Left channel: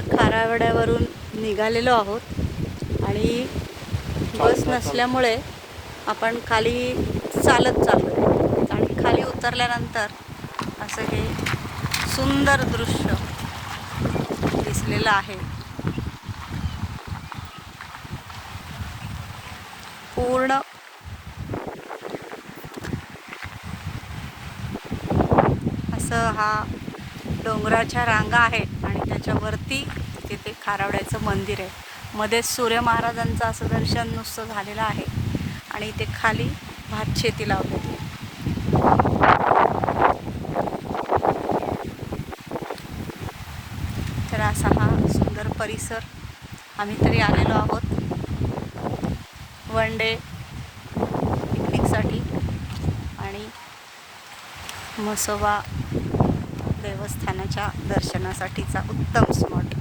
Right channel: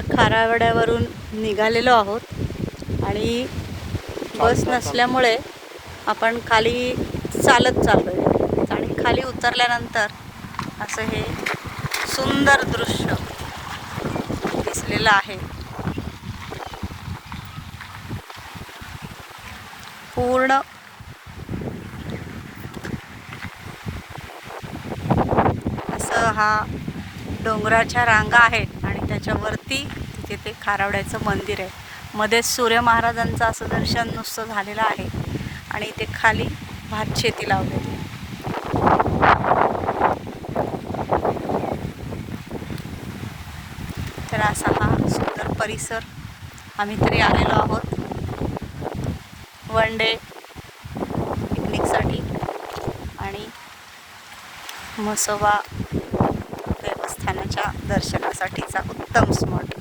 आता खारावड्यावरून निघालेलो आहोत आणि बस नसल्यामुळे आपण खाली चालत चाललो आणि खाली उतरल्यानंतर असं हे सुंदर दृश्य दिसलेलं आहे. पूर्ण असं हा डोंगराच्या रांगा आहेत आणि त्याच्यावरती तिथे ते खारावड्याचं मंदिर आहे. मध्येच सूर्य महाराजांचं असं दर्शन नुसतं झालेलं आहे आणि इथे खाली भात शेती लावलेली. तर असा हा सुंदर परिसर आम्ही तरी आलेलो आहोत वन डे पिकनिकसाठी आणि म्हसोबा देवस्थानाच्या दर्शनासाठीचा उत्तम स्पॉट.